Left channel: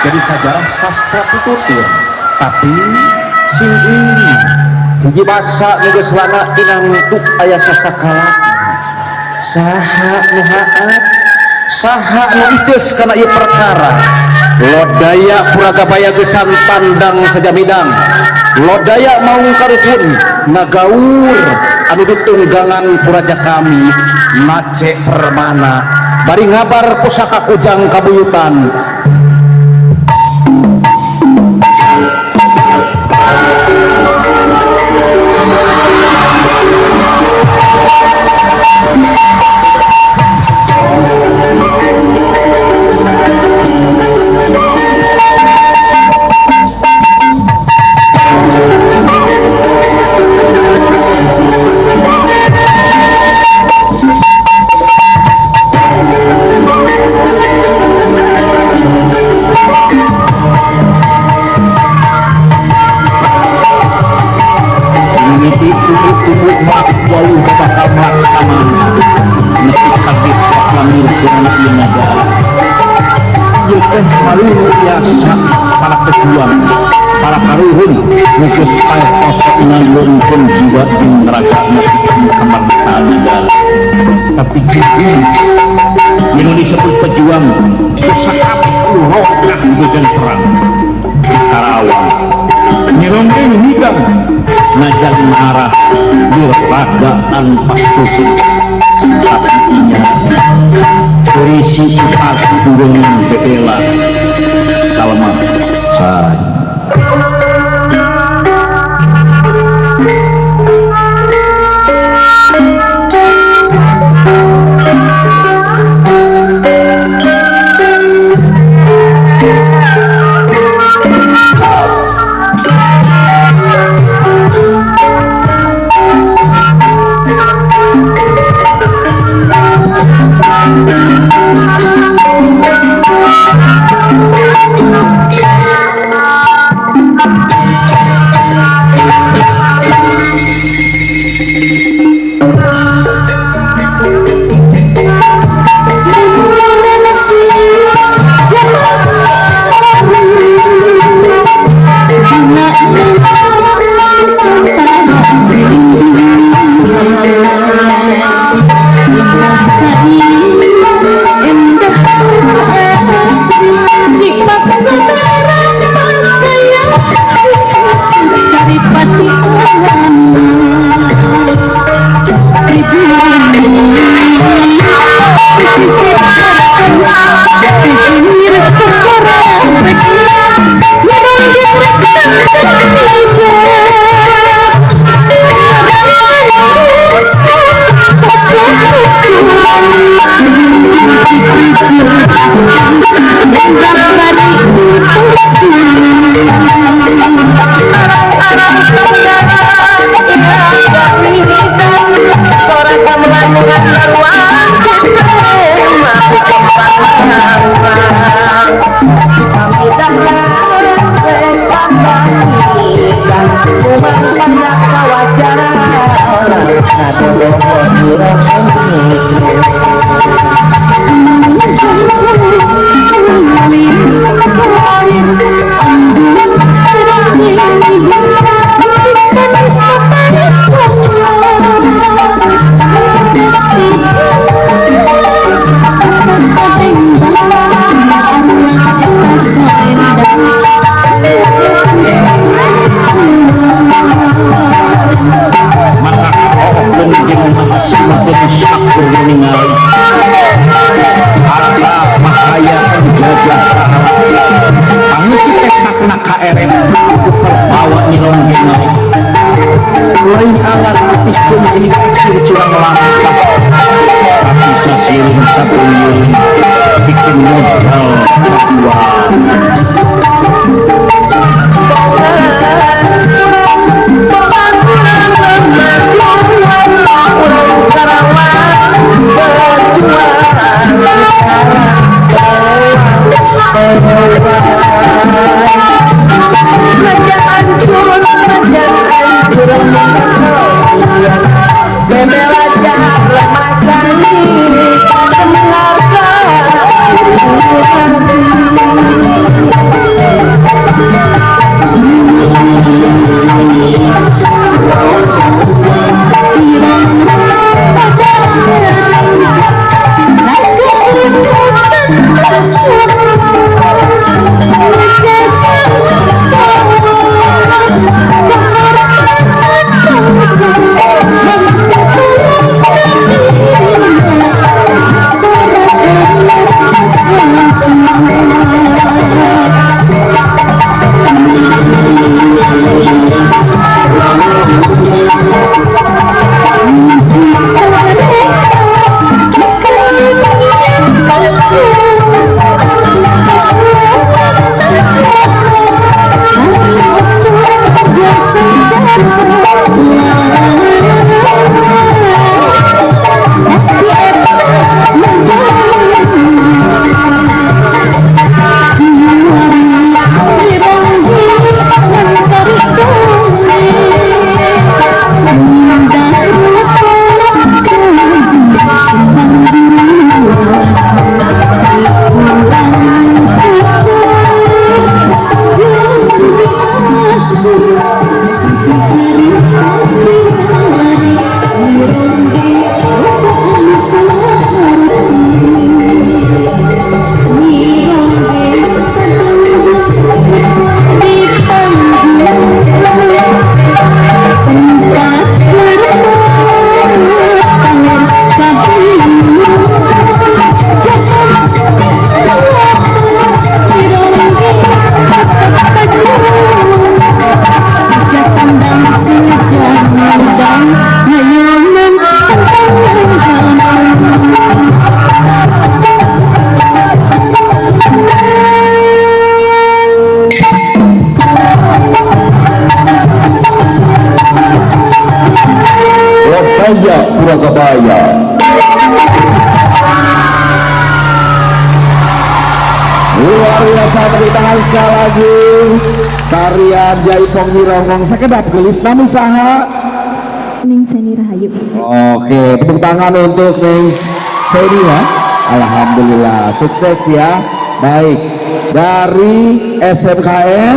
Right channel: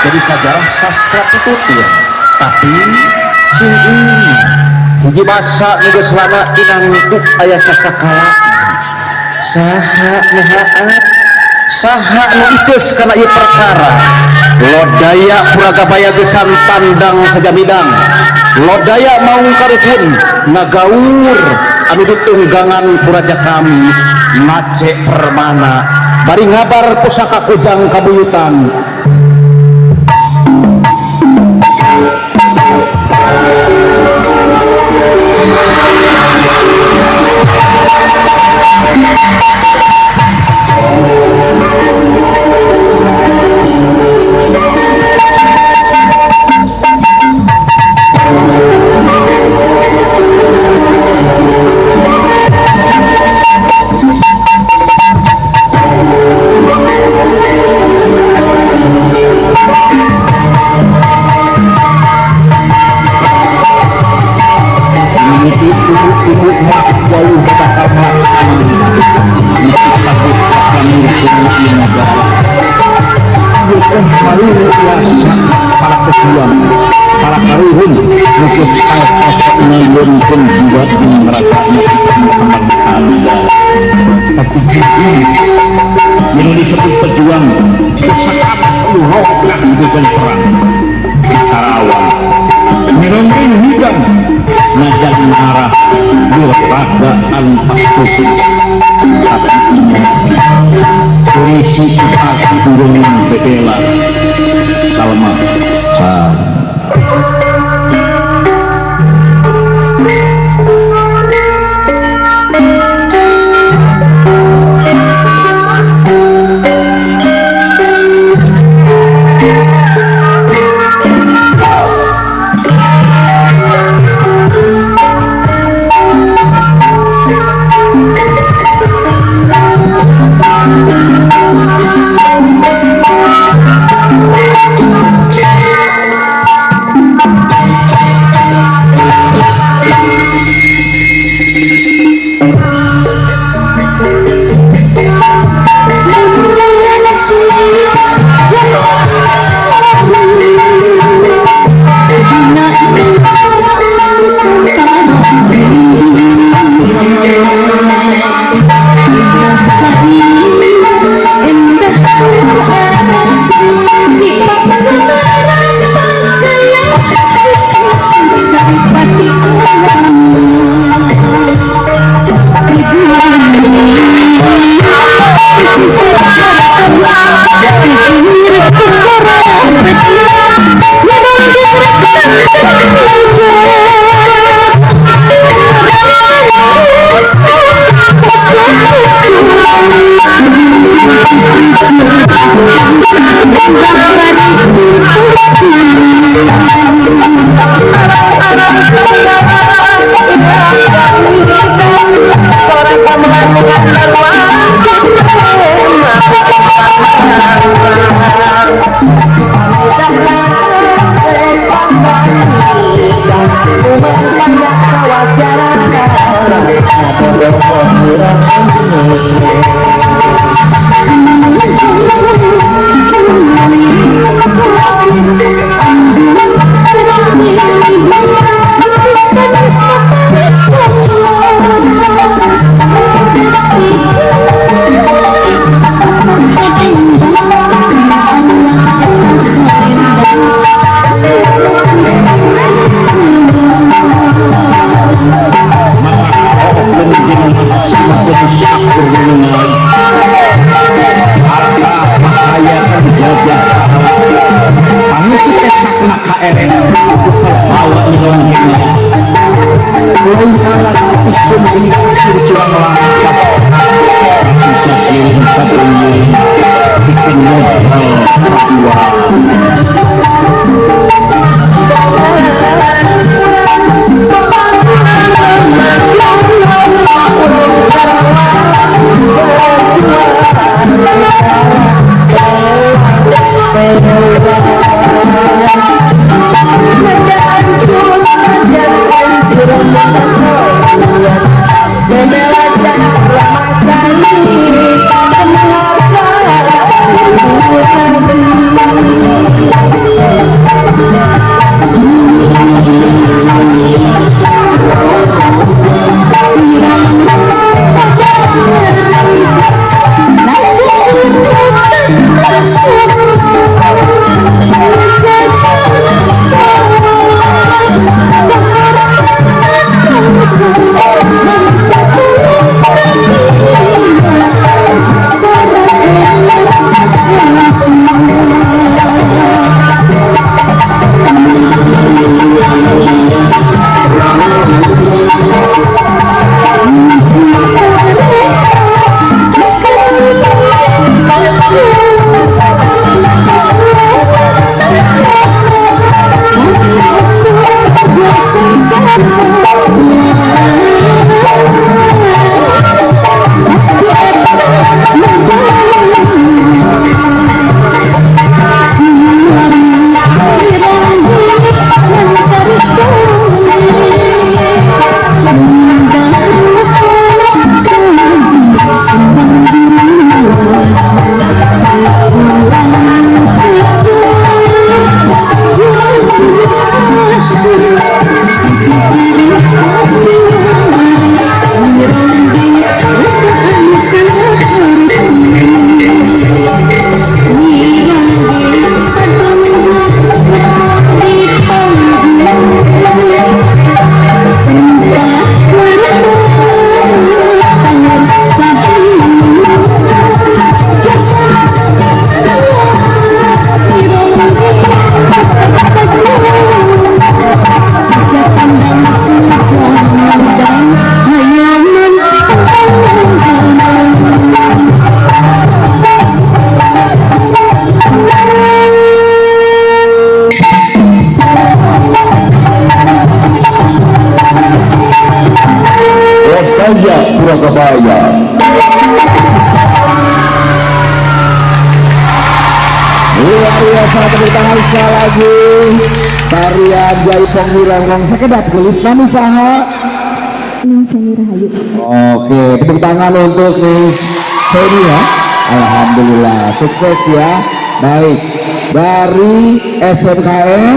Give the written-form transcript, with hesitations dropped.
jadi sejarah sastra pitutur, tapi sing ini hiji basa nu selama inangtuk aya sasakala saha nahaat saha nu iteus kana ieu perkara lodaya puragabaya gesan tandang sajamidang lodaya maungkaripun nagaur anu ditunggangan puraja kami mace permana bari ngabar pusaka kujang kabuyutan para kesulian, para karuhun, mungkin ayat-ayat menurunkan juga meraganya kembang anda. Tapi juga Indonesia pun pejuang kesakatan roh dengan perang di Karawang. Merongeng hidang najak marah diragaan pasukan tapi berisi hati turun bedela kalma Thank you. Jaya Purwakabaya. Luar biasa, tepuk tangan sekali lagi. Tarian Jaipong Wirongrong sekedap gelis namun saha Ning Seni Rahayu. Oke, tepuk tangan untuk Ning Seni ya. Alhamdulillah, sukses ya. Baik, dari SMKN